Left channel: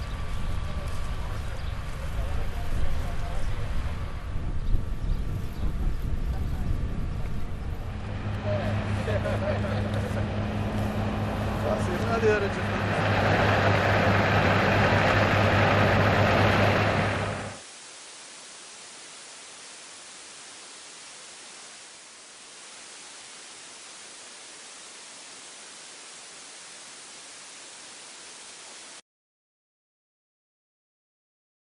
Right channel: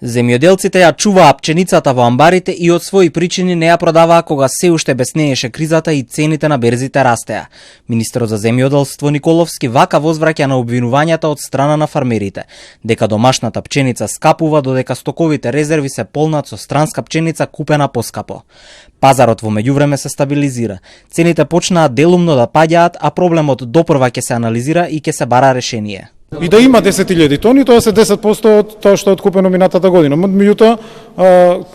Земјоделците ја чуваа пченицата во амбарите и од своји причини не ја продаваа кога се уште беснееше кризата и цените на берзите растеа. Министерот за земјоделство Николовски вака возвраќа на обвинувањата од страна на фармерите, дека домашната пченица скапува додека стоковите резерви се полнат со странска пченица купена поскапо. Пазарот во меѓувреме се стабилизира. Цените почнаа делумно да паѓаат, а проблемот допрва ќе се анализира и ќе се бара решение. И да има 10.000 тони, тоа се 10% од тоа што е откупено минатата година. Меѓутоа,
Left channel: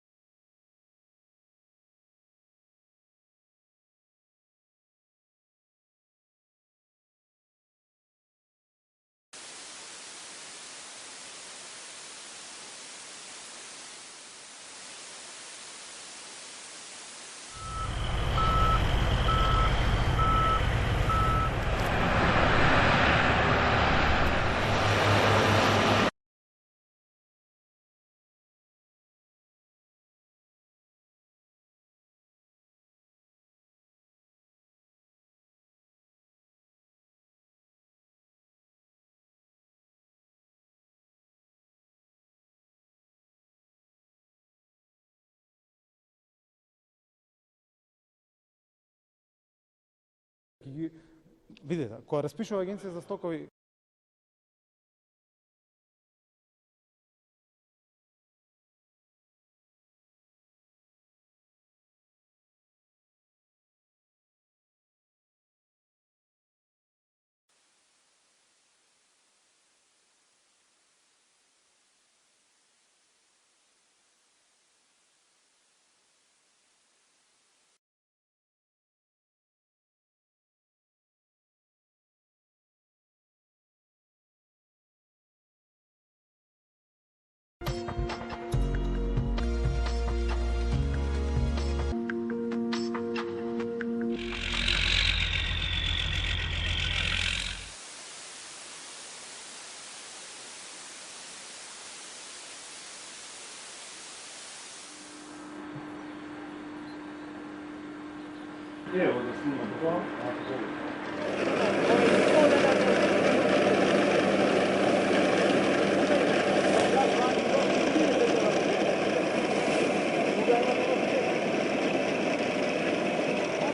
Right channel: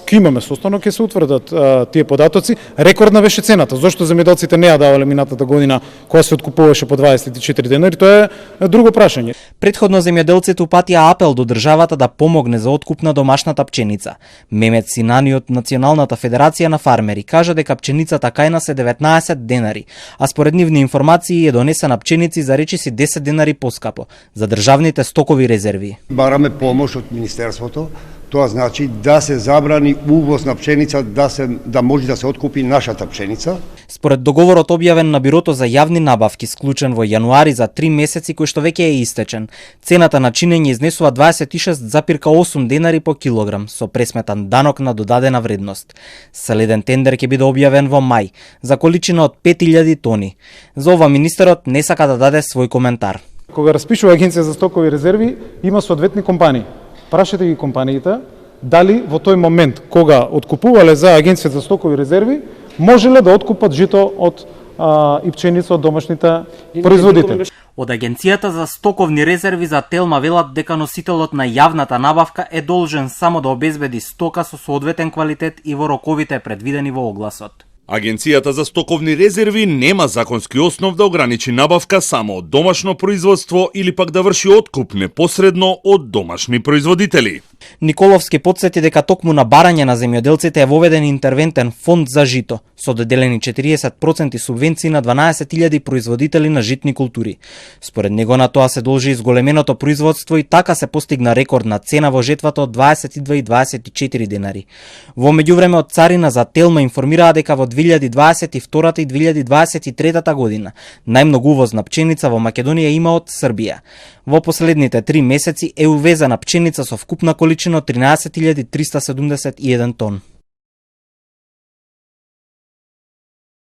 ќе имаме состанок, ќе се утврдат тие податоци. Рекордна беше цената. Зошто земјоделците не ја давале минатата година кога се откупуваше по 24 денари, тоа е друго прашање. Предходно земјоделците упатија апел до државата да помогне за откуп на домашната пченица. Мемет Синани од Националната федерација на фармери кажа дека пченицата кај нас е 19 денари, а според нивни информации е донесена пченици за речиси 10 денари поскапо за државните стокови резерви. Бараме помош од Министерството, тоа значи да се забрани увоз на пченица, да може да се откупи нашата пченица. Според договорот објавен на Бирото за јавни набавки, склучен во јануари за 3 месеци кој што веќе е истечен, цената на чинење изнесува 26,8 денари по килограм, со пресметан данок на додадена вредност. Следен тендер ќе биде објавен во мај, за количина од 5000 тони. За ова министерот не сака да даде свој коментар. Кога распишува Агенција за стокови резерви, има соодветни компании. Прашете ги компаниите дали во тој момент кога откупувале за Агенција за стокови резерви, можеле да откупат жито од и пченица од домашните производители. Од Агенцијата за стоковни резерви за Телма велат дека носителот на јавната набавка е должен само да обезбеди стока со соодветен квалитет и во роковите предвидени во огласот. Агенцијата за стоковни резерви нема законски основ да ограничи набавка само од домашно производство или пак да врши откуп непосредно од домашни производители. Николовски потсети дека токму на барање на земјоделците е воведен интервентен фонд за жито, со доделени 40% субвенции на 12.000 производители на житни култури. Според него на тоа се должи изголеменото производство и така се постигна рекордна цена во жетвата од 22,24 денари. Во меѓувреме од Царина за Телма информираа дека во 2022 и 2023 година најмногу увоз на пченица во Македонија има од Србија. Во последните 3 месеци е увезена пченица со вкупна количина од 13.371 тони.